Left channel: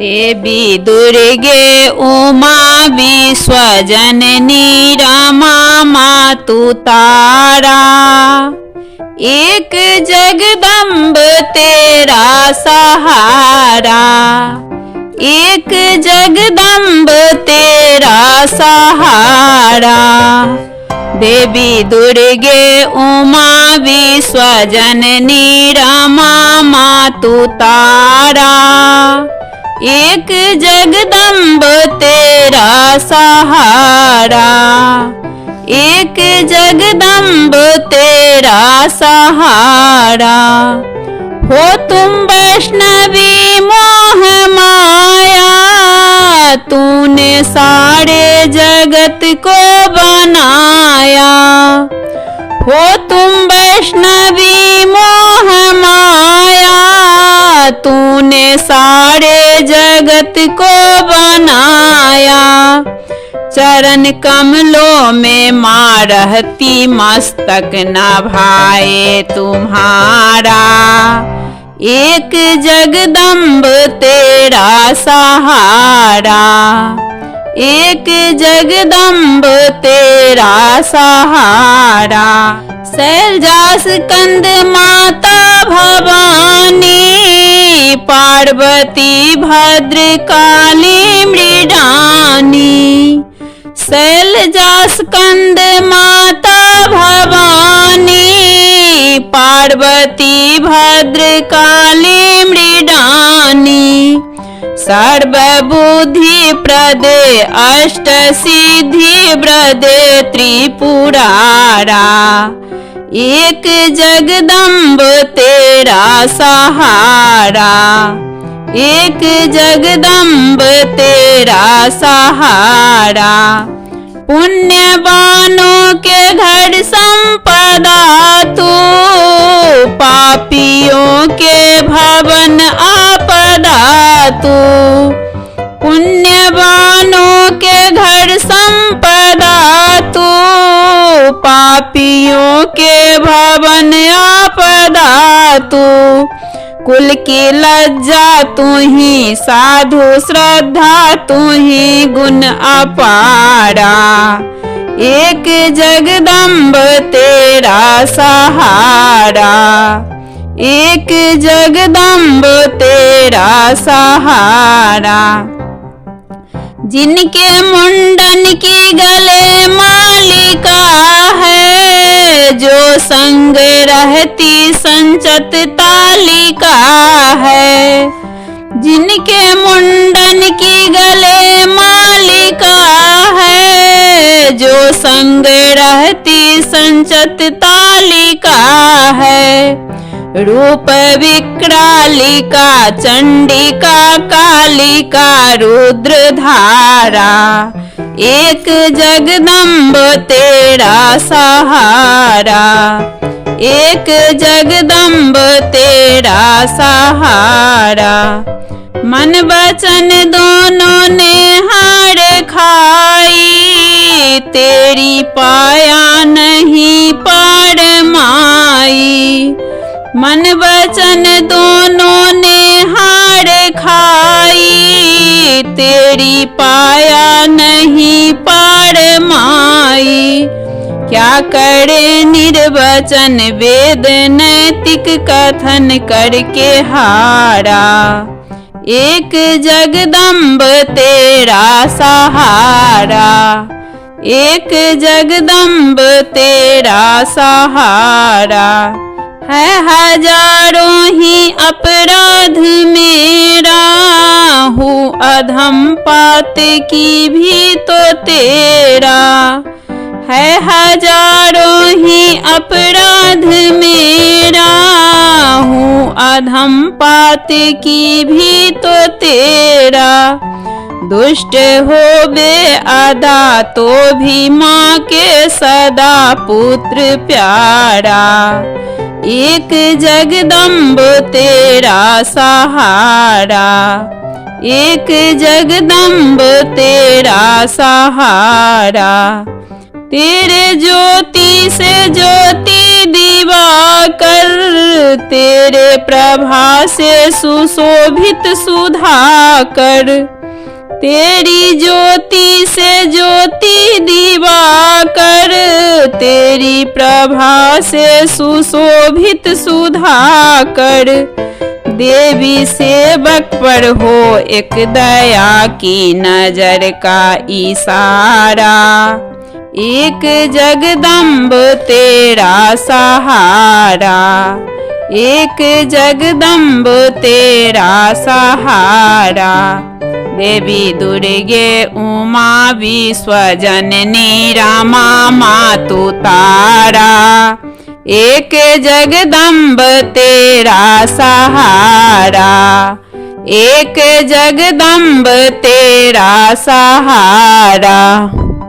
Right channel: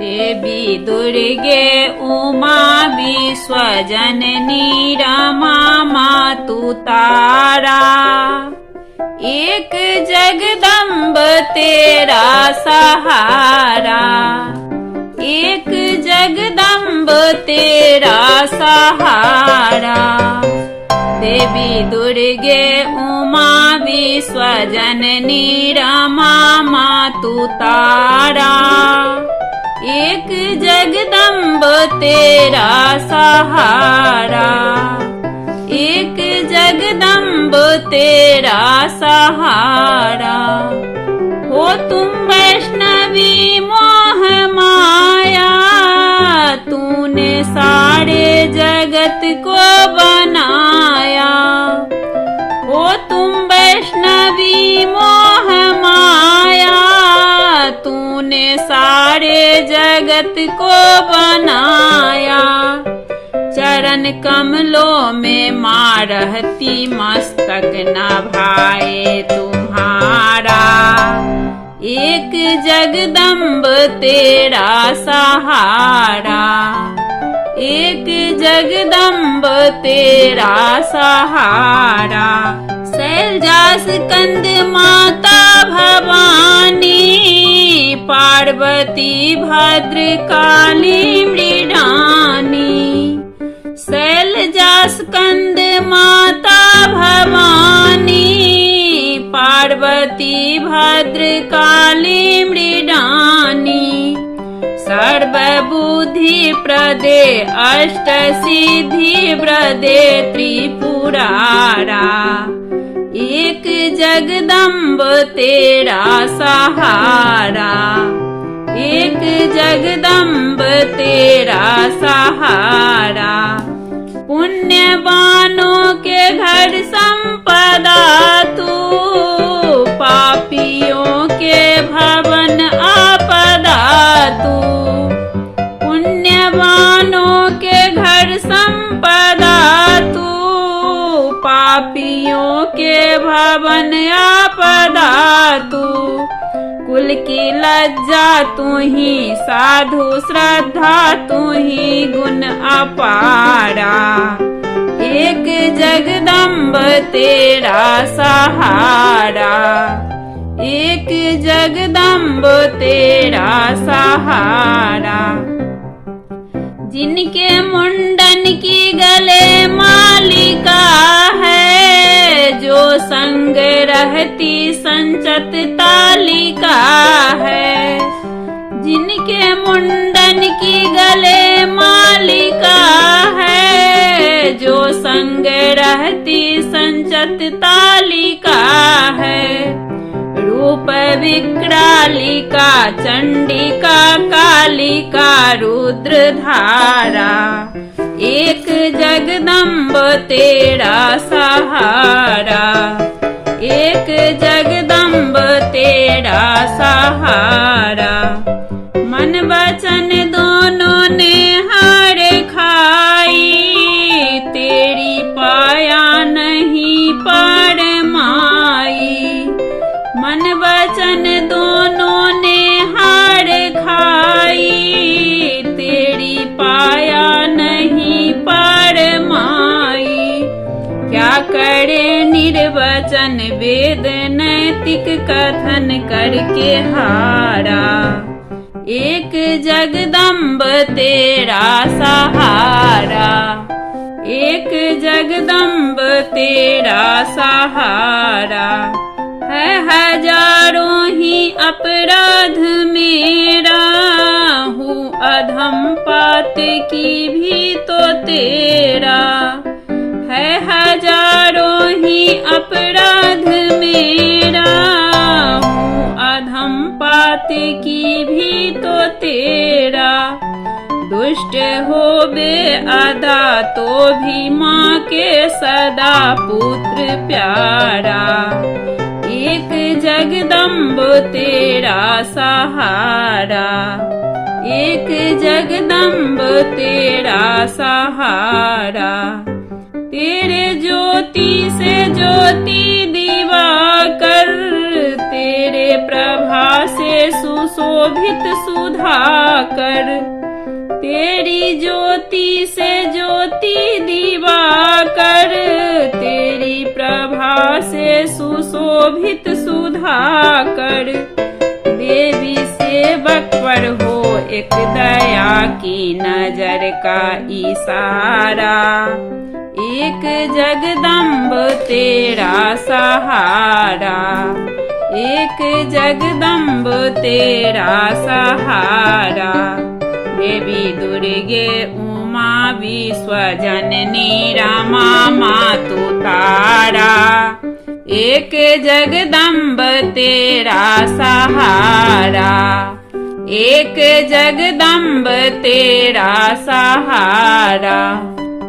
देवी दुर्गे उमा विश्वजननी रमा मातु तारा, एक जगदम्ब तेरा सहारा, एक जगदम्ब तेरा सहारा। देवी दुर्गे उमा विश्वजननी रमा मातु तारा, एक जगदम्ब तेरा सहारा, एक जगदम्ब तेरा सहारा। हो तुम वैष्णवी मोह माया, तूने सारे जगत को बनाया। हो तुम वैष्णवी मोह माया, तूने सारे जगत को बनाया। चरण कमलों में माँ रहती, मस्तक नभाए तुम्हारा, एक जगदम्ब तेरा सहारा, एक जगदम्ब तेरा सहारा। शैलजास कंद माता भवानी, पार्वती भद्रकाली मृडानी। शैलजास कंद माता भवानी, पार्वती भद्रकाली मृडानी। सर्वबुद्धि प्रदे अष्ट सिद्धि प्रदे त्रिपुरारा, एक जगदम्ब तेरा सहारा, एक जगदम्ब तेरा सहारा। पुण्यवानों के घर संपदा तू, पापियों के भवन आपदा तू। पुण्यवानों के घर संपदा तू, पापियों के भवन आपदा तू। कुल की लज्जा तू ही, साधु श्रद्धा तू ही, गुण अपारा, एक जगदम्ब तेरा सहारा, एक जगदम्ब तेरा सहारा। जिनके मुंडन की गले मालिका है, जो संग रहती संचत तालिका है। जिनके मुंडन की गले मालिका है, जो संग रहती संचत तालिका है। रूप विक्रालिका चंडिका कालिका रुद्रधारा, एक जगदम्ब तेरा सहारा, एक जगदम्ब तेरा सहारा। मन वचन दोनों ने हार खाई, तेरी पाया नहीं पार माई। मन वचन दोनों ने हार खाई, तेरी पाया नहीं पार माई। क्या करे निर्वचन वेद नैतिक कथन करके हारा, एक जगदम्ब तेरा सहारा, एक जगदम्ब तेरा सहारा। है हजारों ही अपराध मेरा, हूँ अधम पात की भी तो तेरा। है हजारों ही अपराध मेरा, हूँ अधम पात की भी तो तेरा। दुष्ट हो बे अदा तो भी माँ के सदा पुत्र प्यारा, एक जगदम्ब तेरा सहारा, एक जगदम्ब तेरा सहारा। तेरे ज्योति से ज्योति दिवाकर, तेरे प्रभा से सुशोभित सुधाकर। तेरी ज्योति से ज्योति दिवाकर, तेरी प्रभा से सुशोभित सुधाकर। देवी सेवक पर हो एक दया की नजर का इशारा, एक जगदम्ब तेरा सहारा, एक जगदम्ब तेरा सहारा। देवी दुर्गे उमा विश्वजननी रमा मातु तारा, एक जगदम्ब तेरा सहारा, एक जगदम्ब तेरा सहारा।